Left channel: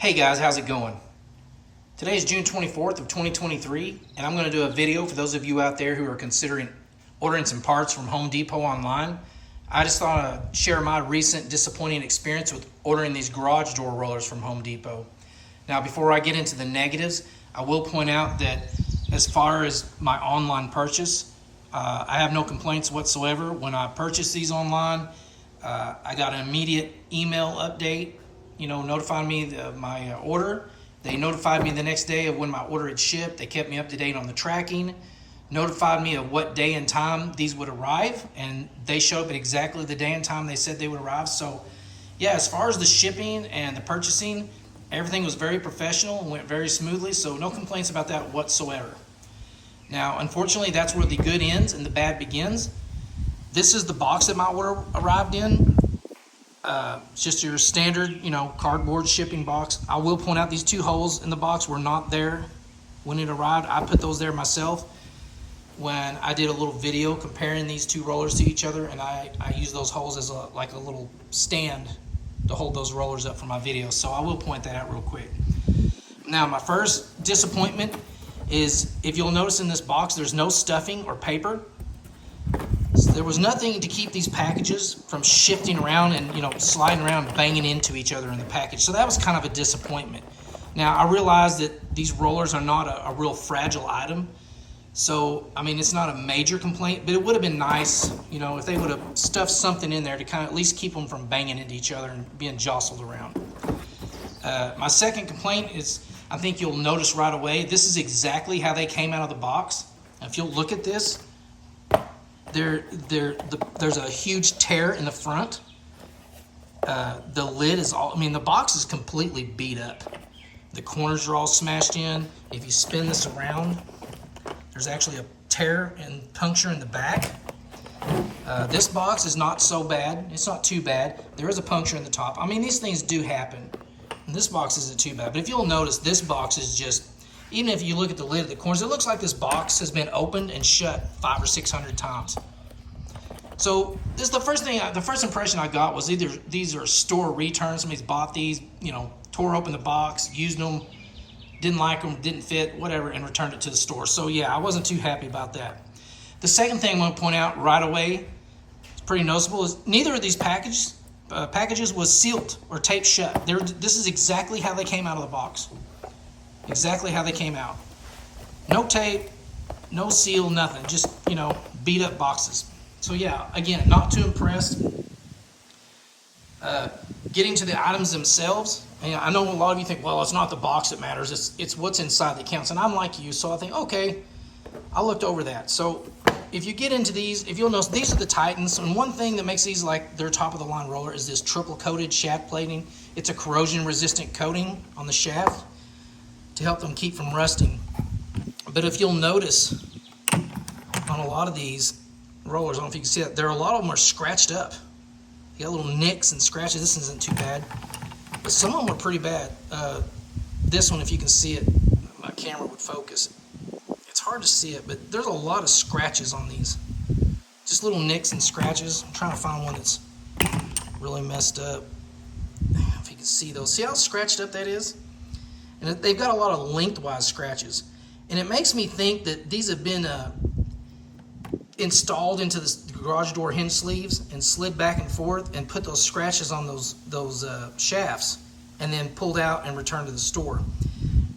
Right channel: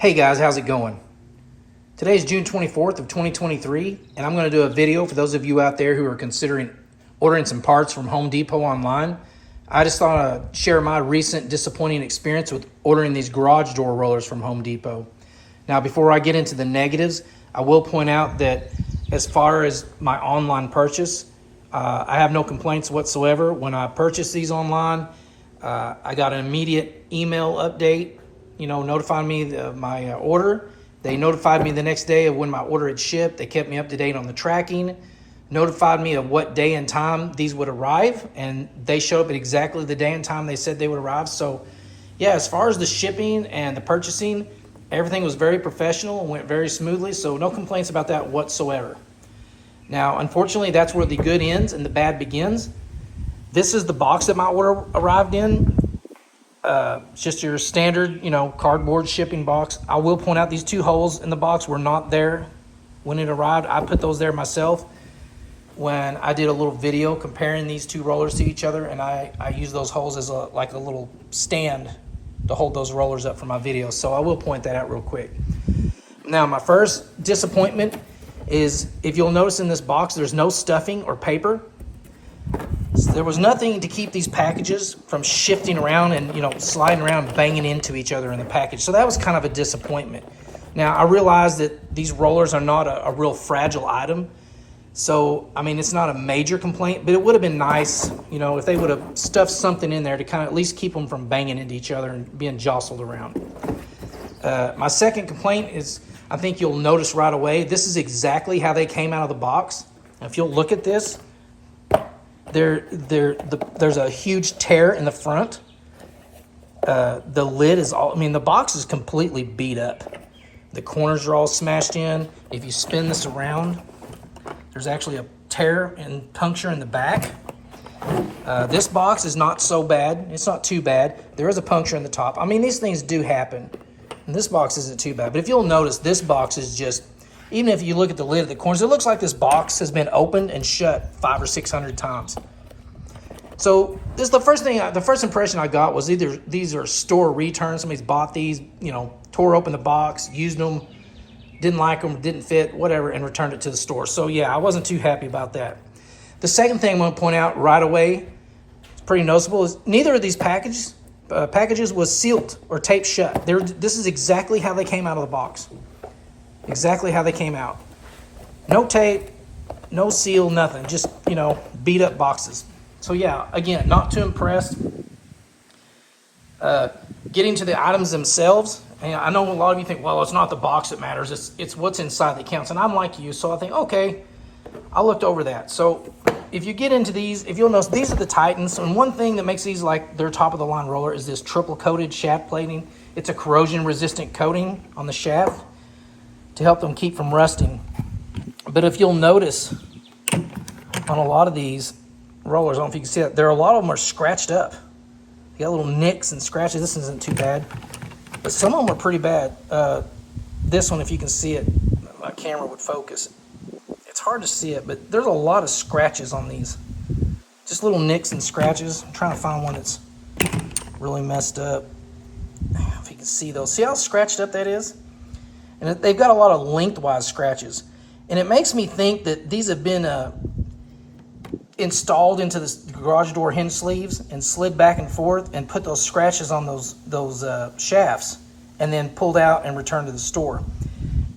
Hey guys, how's it going? Today is June 24th of 2023, and I'm going to do a video for those of you out there who are considering ordering some parts from Home Depot online. I just thought I'd share my recent disappointing experience with ordering these garage door rollers from Home Depot. Now, before I get into the negatives, I will point out that as far as my online purchase, I have no complaints whatsoever. When I purchased these online, I got an immediate email update, notifying me of my order. They notified me the next day of when my order had shipped. They kept me up to date on the tracking, notified me of what day and time these would arrive, and they showed up at exactly the day and time they said they would arrive. So yeah, as far as the shipping and the purchasing, everything was very professional and went very smoothly, so no complaints about that whatsoever. Now, unfortunately, that's where the good ends and the bad begins. This is the box that my order arrived in. It's just your standard, cardboard shipping box. I will point out these two holes in the box were not there when it arrived. I put those there myself when I did a little video comparing these two rollers to each other, and I used those holes as like a little stand to hold those rollers up for my video. So I will point that out real quick. Now, my first disappointment is, if you'll notice in this box, there's no stuffing or paper. So there was nothing to keep these packages from shifting around and sliding around, banging into each other in the package. So that was kind of a disappointment. Now, I realize that these rollers are not a real fragile item. So, I mean, it's not a major complaint, but it would have been nice, if they would have stuffed something in there to kind of at least keep them from banging into each other and being jostled around. My second complaint is, I think you'll notice right away, this is exactly how they came out of the box. Now, if you'll look at this, there's a huge tear in the front. The lid is the box is completely beat up. The corners are all smashed in. If you spin this around, there's actually a tear and puncture in the back. This box is not so bad. It's not too bad. There is a puncture in the top. I mean, these things do happen. And this box isn't too bad. But if you'll notice, this box is just, even if you look at the lid at the corners, it looks like this box has been opened and shut 500 or 600 times. So this is the first impression I got was either these are store returns. Somebody's bought these, tore open the box, used them, didn't like them, didn't fit, whatever, and returned it to the store. So yeah, I wasn't too happy about that. The second thing I'm going to point out right away, it's pretty noticeable, is neither of these packages was sealed or taped shut. This is exactly how they came out of the box. Exactly how they came out. No tape, no seal, nothing. Just, beat up boxes. So yeah, again, not too impressed. Getting to the items themselves, and I know a lot of you think, well, it's not the box that matters, it's what's inside that counts. And I'm like you, so I think, okay, I looked over that. So if you get into these, if you'll notice, these are the Titans. And one thing that makes these like their top of the line roller is this triple coated shaft plating. It's a corrosion resistant coating on the shaft to help them keep from rusting. But if you'll notice on a lot of these rollers, I don't know if you can see it, a lot of them are scratched up. They got little nicks and scratches. This isn't too bad, but some of them are pretty bad. This one, if you can see it, my camera would focus. It's hard to see it, but there's a lot of scratches on these. Just little nicks and scratches. I'm trying to find one that's really messed up. If you can see those. See how scratched up that is? And they've got a lot of lengthwise scratches. And it makes me think that these have been installed into the garage door hinge sleeves and slid back and forth and put those scratches on those shafts and then pulled out and returned to the store.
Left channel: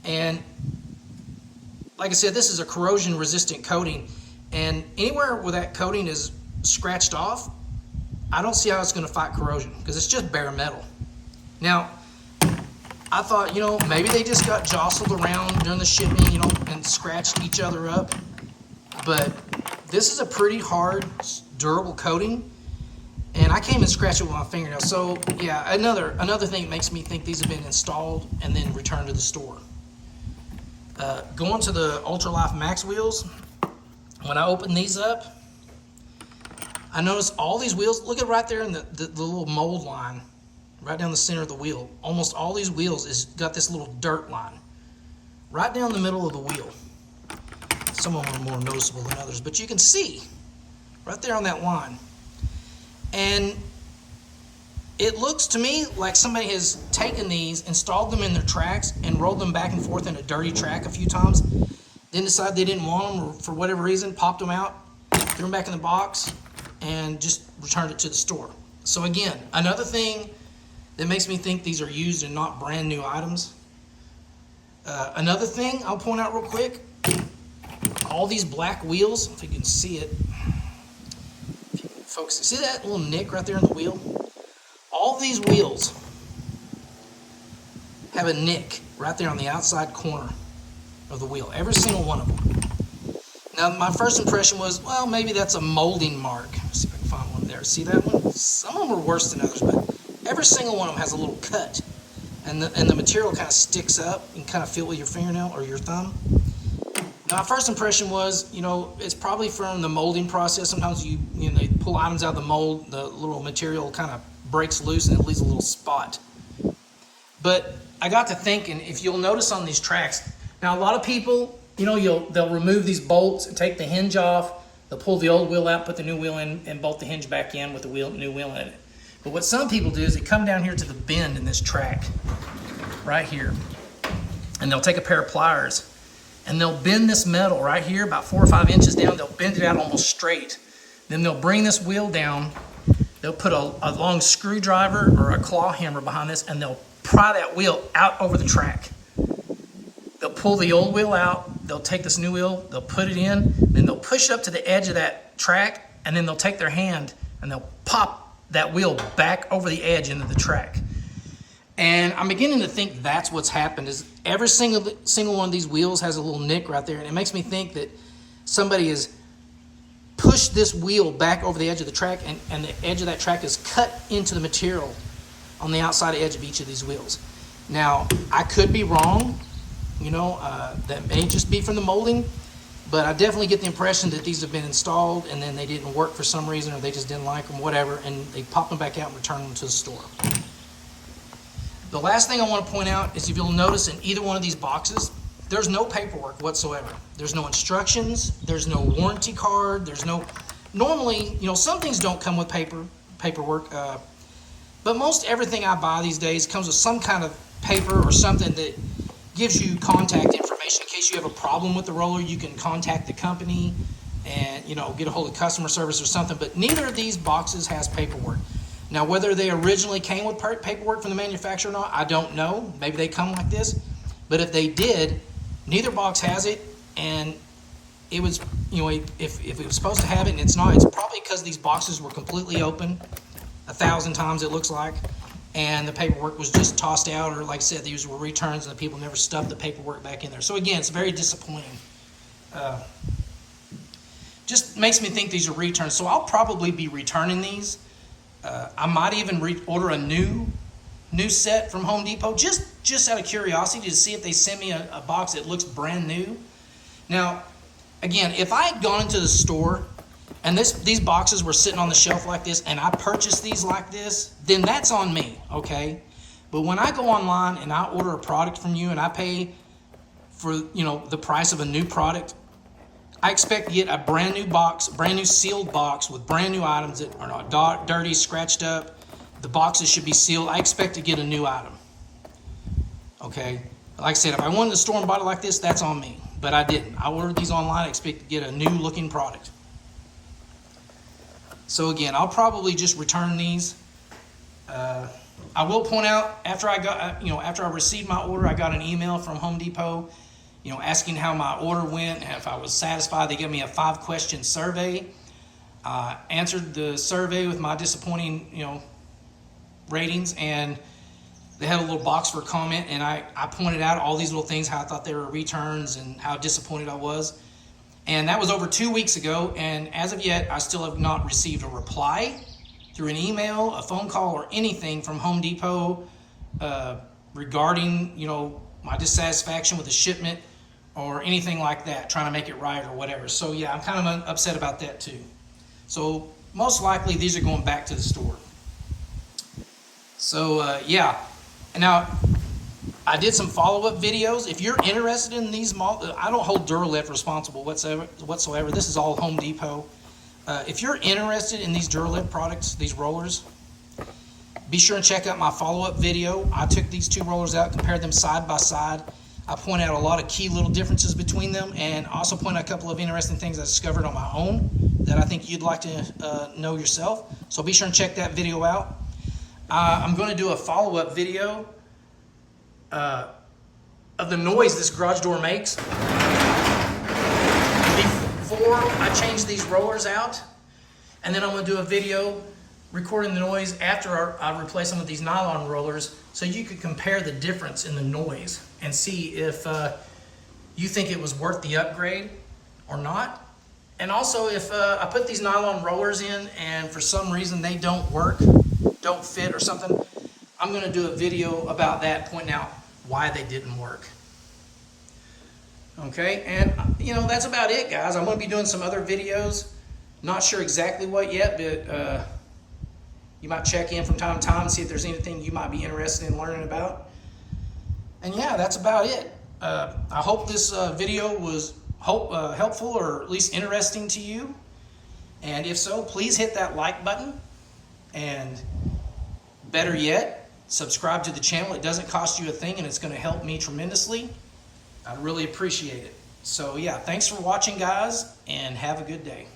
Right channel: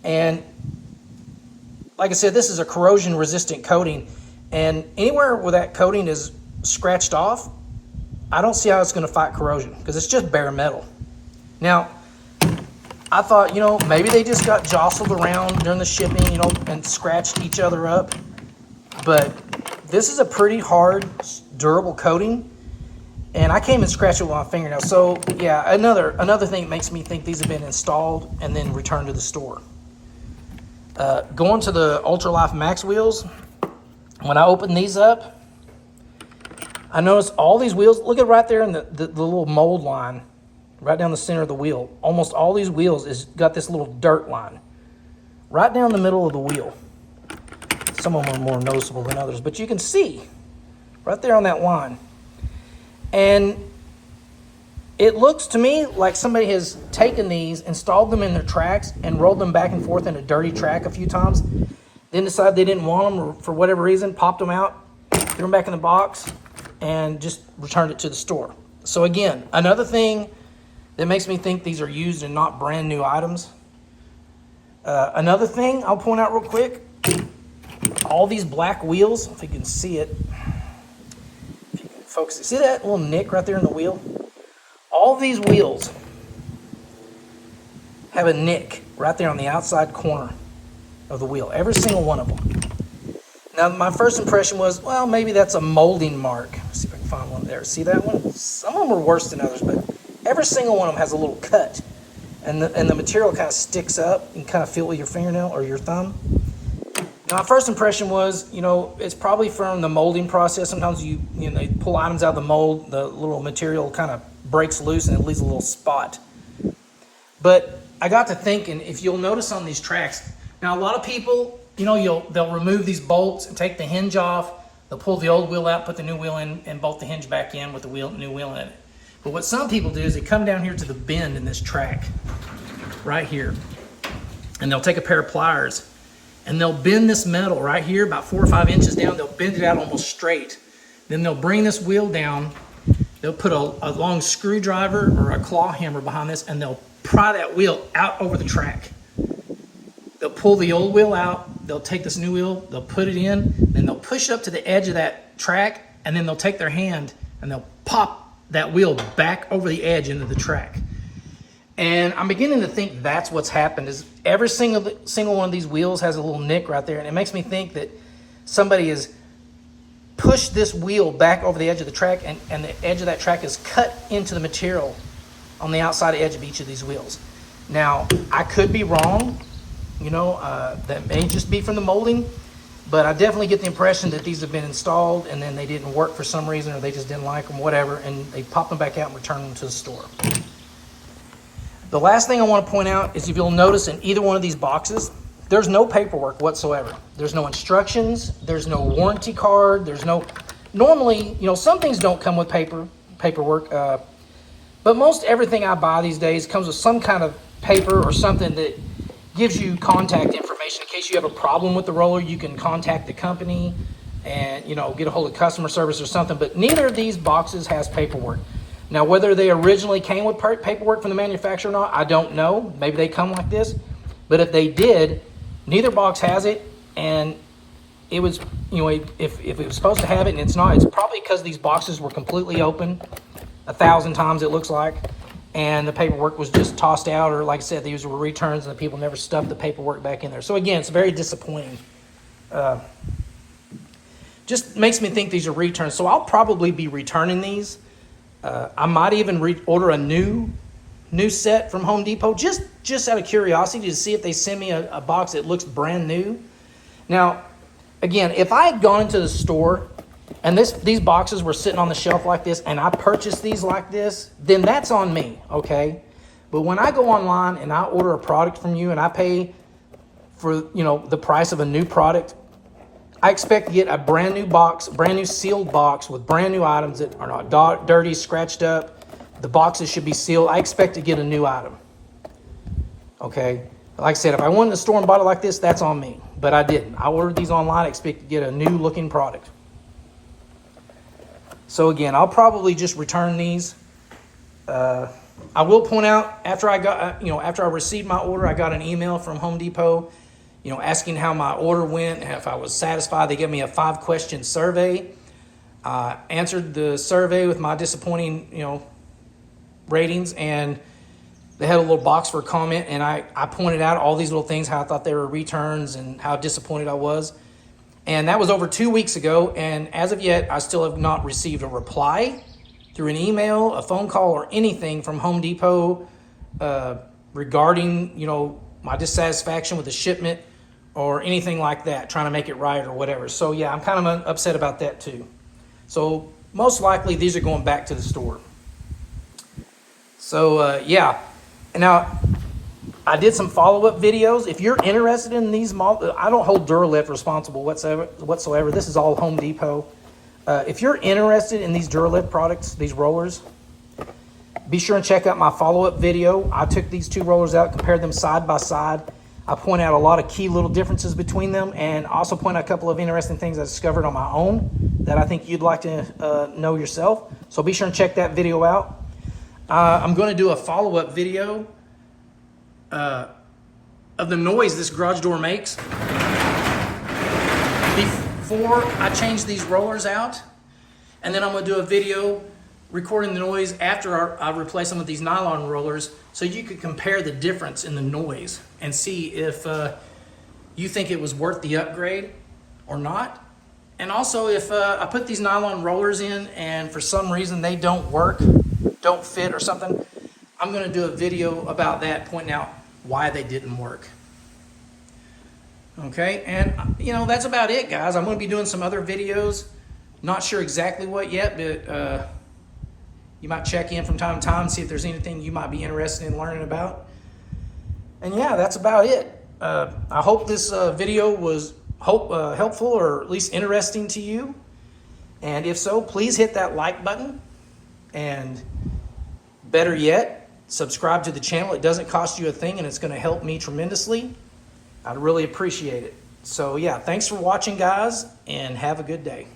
And like I said, this is a corrosion resistant coating, and anywhere where that coating is scratched off, I don't see how it's going to fight corrosion because it's just bare metal. Now, I thought, maybe they just got jostled around during the shipping, and scratched each other up. But this is a pretty hard, durable coating, and I came and scratched it with my fingernail. So yeah, another thing that makes me think these have been installed and then returned to the store. Going to the Ultralife Max wheels, when I opened these up, I noticed all these wheels, look at right there in the little mold line, right down the center of the wheel. Almost all these wheels is got this little dirt line right down the middle of the wheel. Some of them are more noticeable than others, but you can see right there on that line. And it looks to me like somebody has taken these, installed them in their tracks, and rolled them back and forth in a dirty track a few times. Then decided they didn't want them, or for whatever reason, popped them out, threw them back in the box, and just returned it to the store. So again, another thing that makes me think these are used and not brand new items. Another thing I'll point out real quick, all these black wheels, if you can see it, folks, see that little nick right there in the wheel? All these wheels have a nick right there on the outside corner of the wheel, every single one of them. Now, my first impression was, well, maybe that's a molding mark. Let's see if I can find one there. See that one? Some of them are worse than others, but every single one of them has a little cut. And the material kind of sticks up. You can kind of feel it with your fingernail or your thumb. Now, my first impression was, it's probably from the molding process. Sometimes they pull items out of the mold, the little material kind of breaks loose and it leaves a little spot. But I got to thinking, if you'll notice on these tracks, now a lot of people, they'll remove these bolts and take the hinge off. They'll pull the old wheel out, put the new wheel in, and bolt the hinge back in with the new wheel in it. But what some people do is they come down here to the bend in this track, right here, and they'll take a pair of pliers and they'll bend this metal right here about 4 or 5 inches down. They'll bend it out almost straight. Then they'll bring this wheel down. They'll put a long screwdriver or a claw hammer behind this, and they'll pry that wheel out over the track. They'll pull the old wheel out. They'll take this new wheel. They'll put it in. Then they'll push it up to the edge of that track, and then they'll take their hand and they'll pop that wheel back over the edge into the track. And I'm beginning to think that's what's happened, is every single one of these wheels has a little nick right there. And it makes me think that somebody has pushed this wheel back over the edge of the track, and the edge of that track is cut into the material on the outside edge of each of these wheels. Now, I could be wrong. That may just be from the molding, but I definitely get the impression that these have been installed and then they didn't work for some reason, or they just didn't like them, whatever, and they pop them back out and return them to the store. The last thing I want to point out is, if you'll notice in either one of these boxes, there's no paperwork whatsoever. There's no instructions. There's no warranty card. Normally, some things don't come with paperwork, but most everything I buy these days comes with some kind of paper or something that gives you contact information. In case you have a problem with the roller, you can contact the company and, get a hold of customer service or something. But neither of these boxes has paperwork. Now, whether they originally came with paperwork from the manufacturer or not, I don't know. Maybe they come like this. But if they did, neither box has it. And it was, if it was supposed to have it and it's not, it's probably because these boxes were completely open 1,000 times, it looks like. And the paperwork was just tossed out, or like I said, these were returns and the people never stuffed the paperwork back in there. So again, it's very disappointing. Just makes me think these are returns. So I'll probably be returning these. I might even order a new set from Home Depot, just out of curiosity, to see if they send me a box that looks brand new. Now, again, if I had gone into the store and these boxes were sitting on the shelf like this, and I purchased these like this, then that's on me, okay? But when I go online and I order a product from you and I pay for, the price of a new product, I expect to get a brand new box, brand new sealed box with brand new items that are not dirty, scratched up. The boxes should be sealed. I expect to get a new item, okay? Like I said, if I went in the store and bought it like this, that's on me. But I didn't. I ordered these online. I expect to get a new looking product. So again, I'll probably just return these. I will point out, after I received my order, I got an email from Home Depot, asking how my order went, and if I was satisfied. They gave me a 5-question survey. Answered the survey with my disappointing, ratings, and they had a little box for a comment, and I pointed out all these little things, how I thought they were returns and how disappointed I was. And that was over 2 weeks ago, and as of yet, I still have not received a reply through an email, a phone call, or anything from Home Depot regarding, my dissatisfaction with the shipment or anything like that, trying to make it right or whatever. So yeah, I'm kind of upset about that too. So most likely these are going back to the store. So yeah, now I did some follow-up videos. If you're interested in these, I don't hold Duralift responsible whatsoever. This is all Home Depot. If you're interested in these Duralift products, these rollers, Be sure and check out my follow-up video. I took these two rollers out, compared them side by side. I point out a lot of key little differences between them, and also point out a couple of interesting things I discovered on my own that I think you'd like to know yourself. So be sure and check that video out. I'm going to do a follow-up video of the noise this garage door makes before I change these rollers out, and then I'm going to do a video recording the noise after I replace some of these nylon rollers, so you could compare the difference in the noise and see if you think it was worth the upgrade or not. And also, if I put these nylon rollers in and for some reason they don't work, don't fit or something, I'm going to do a video about that, pointing out why they didn't work. Okay, and that's about it, guys. I'm going to be doing some other videos. Not sure exactly what yet, but you might check in from time to time and see if there's anything you might be interested in learning about. And yeah, that's about it. I hope this video was helpful, or at least interesting to you. And if so, please hit that like button. And better yet, subscribe to the channel. It doesn't cost you a thing, and it's going to help me tremendously. I'd really appreciate it. So yeah, thanks for watching, guys, and have a good day.